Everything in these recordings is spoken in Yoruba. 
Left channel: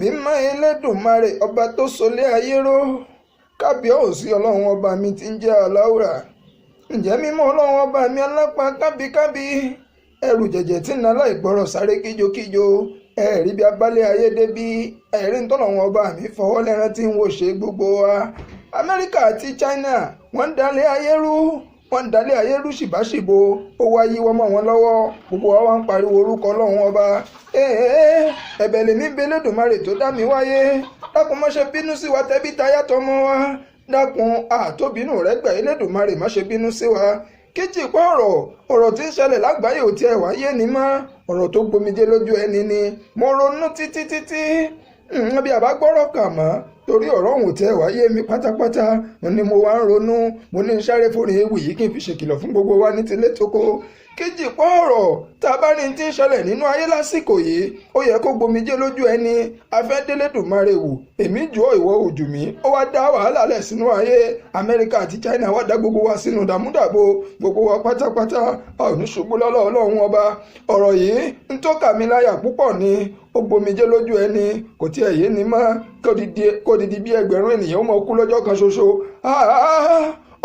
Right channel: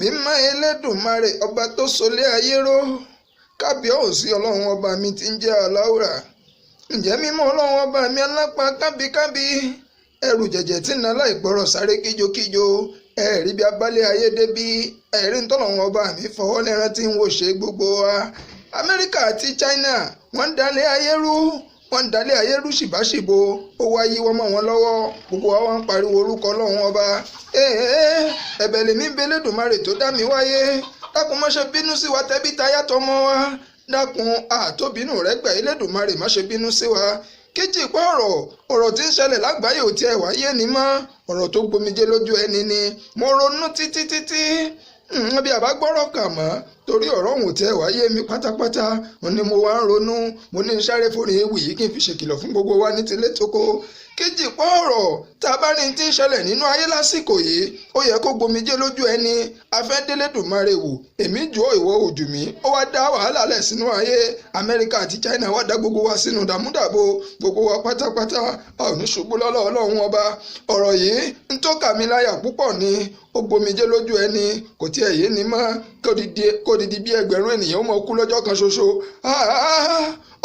mímọ́ Elédùmarè ọba tó solé ayé ró, kábíyèsí ọlọ́run ọba mi tí ń jẹ́ aláwùrà. ǹjẹ́ mímọ́ ọlọ́run ọba mi alápá kábíkábí, ẹrù jẹ̀jẹ̀ tí ń na láìgbọ́rọ̀ sáré kíjokíjo, ẹ̀rí bí abálé ayé débí, ẹ̀rí ń tọ́lọ́run ọba mi fọwọ́ lẹ́rán tí ń wò ṣe gbogbo wa. Amẹ́ríkà àti China wọ́n ń dalẹ̀ ayé rú, wọ́n ń dalẹ̀ ayé rú ṣìbáṣìbo, ó wá yí wọ́n mọ́ wọn lọ́wọ́, gbogbo wa wá ń pariwo orúkọ ọlọ́run ọba. Ẹ̀bẹ̀ lèmi ń bẹ Elédùmarè tó dá mi wáyé, dákun má ṣe bínú sí wa tẹbí tayá tọmọ wa, dákun àtóbínú rẹ gbà Elédùmarè má ṣe bínú sí wa. Kéjì pa ọ̀rọ̀ tí ń ṣẹlẹ̀ lágbàáyé ò tiẹ̀ wáyé ni mọ́, ọ̀rọ̀ tó gbomijé lójú ẹni ni. Mo ronú títí bí àbá gbọ́rọ̀ kà mọ́, torí ọ̀rọ̀ òun ò tiẹ̀ wáyé mi pátápátá. Mo ní mo wá ń ronú, mo ní sáré fóònù ewì yìí kí n fi ṣèkìlọ̀ fún gbogbo wa ní tilé tóko. Kéjì pa ọ̀rọ̀ tá a bá ní tí ń ṣẹlẹ̀ nínú ayé lásìkò yìí, ó yẹ kó gbomijé lójú ẹni. Afẹ́ d'Elédùmarè wò, èmi jù ọ́ ìwọ òjù mí, ó wá dá wàhálà lẹ̀ sínú ayé. Amẹ́ríkà àti China wá dá gbogbo wa sínú dàmúdàbò, gbogbo wa pátápátá a ò ní ṣubú lọ́lọ́ ọlọ́run ọba. Ọ̀rọ̀ yìí ń tó kà mí láyà púpọ̀ ni, ó gbomijé lójú ẹni, kò tiẹ̀ yé ni mọ́ kó didi bí ẹgbẹ̀rún ènìyàn ó mọ kú lọ́jọ́ kan ṣoṣo.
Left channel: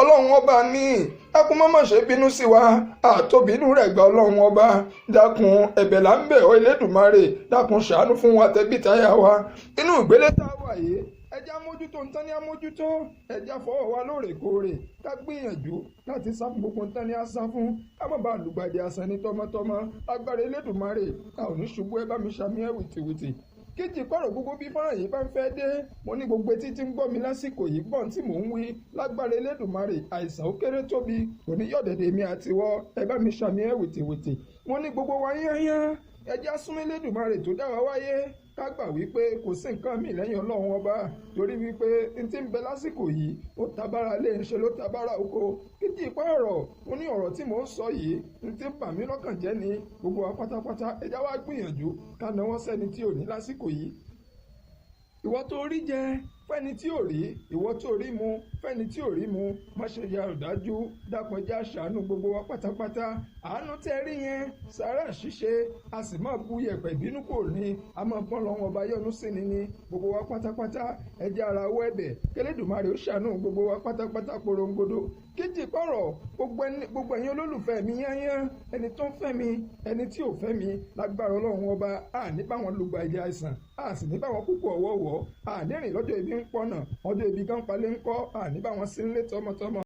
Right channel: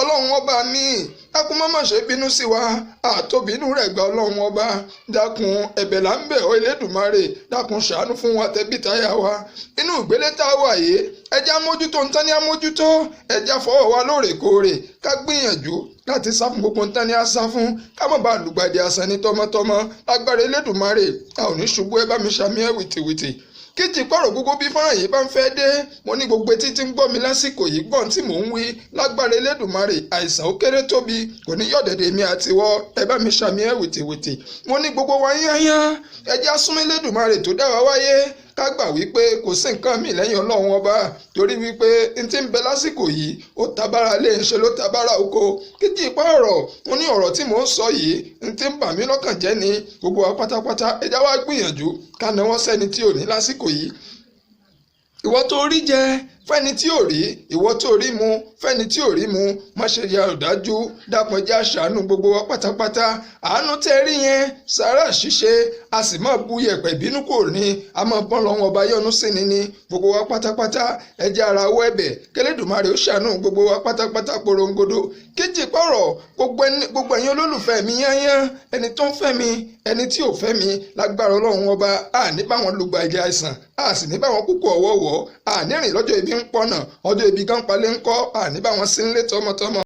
Ọlọ́run ọba mi, dákun má ṣe bínú sí wa, àtóbínú rẹ̀ gba ọlọ́run ọba. Dákun ẹ̀bẹ̀ là ń bẹ̀ ọ́ Elédùmarè, dákun ṣàánú fún wa tẹbí táyà wa. Inú ìgbélé tá a wà yìí, ẹjẹ́ amójútó ń tán ní amójútó, ẹjẹ́ fọwọ́ wa lóòrèkóòrè, ká gbìyànjú láti sá fún gbogbo ń tán ní á sá fún, ká má bàa lùgbàdì àṣà ní tọmọtọmọ. Lágbára Elédùmarè, a ò ní ṣubú, ẹ bá mi ṣàmì ẹ̀ wìtìwìtì. Kéjì pọ̀rọ̀ gbogbo bí fọ́nrán yìí bá ń fẹ́ dé, mo ní gbogbo etí tí ń gbọ́ mi lásìkò yìí gbọ́n tí mò ń wí. Lágbára Elédùmarè, àìsàn ó kéré tóbi kò ní yọ̀dẹ̀dẹ̀ mi àtiwọ́, ẹ bá mi ṣàmì ẹ̀ wìtìwìtì. Mo ní gbogbo wa yányán, ẹ jẹ́ á súnmọ́ Elédùmarè tó dá wa wáyé, ká gbà wípé kò sí nǹkan míì lẹ́yìn ọlọ́run ọba, torí wípé n tí ń bẹ lásìkò yìí ó tabára lé ń ṣe ló tabára oko. Kéjì pa ọ̀rọ̀, mo ní ọ̀rọ̀ tí mò ń sọ yìí n tí ń bà mí lọ́kàn jẹ́ ni. Gbogbo wa pátápátá ẹ já wá gbìyànjú ká náwó sẹ́ni tí ò ní lásìkò yìí. Ìwọ tó rí jẹ fẹ́ni tí ò rí, ìwọ tó rí mu fẹ́ni tí ò rí mu, má ṣe ya ọ̀dájú, dápọn já ṣàánú gbogbo wa pátápátá. Àánú tẹ́ rí yẹn sàárà ṣíṣe, a sì máa bu yẹ̀pẹ̀ bínú kò ní, a máa bọ́n lọ́wọ́ ọba yọ́nú sí ni ní. Gbogbo wa pátápátá ẹ jẹ́ ara wọ ẹ̀bẹ̀ k'Elédùmarè ó ṣàánú gbogbo wa pátápátá porongodo. Kéjì pọ̀rọ̀ gbogbo ẹ̀yin olólùfẹ́ mi yányán, ẹni tó ń fẹ́ mi, ẹni tí ò fẹ́ mi, lágbára ọlọ́run ọba, a ní bá wọn lùgbàdì àìsàn, a sì ní bá wọn kúkú ọ̀wọ́wọ́, a ní rìn lọ́jọ́ ibi ń pọ̀nà, ọjọ́ ibi gan palẹ̀ ń kọ́, a ní bá wọn sí nílé tọmọtọmọ.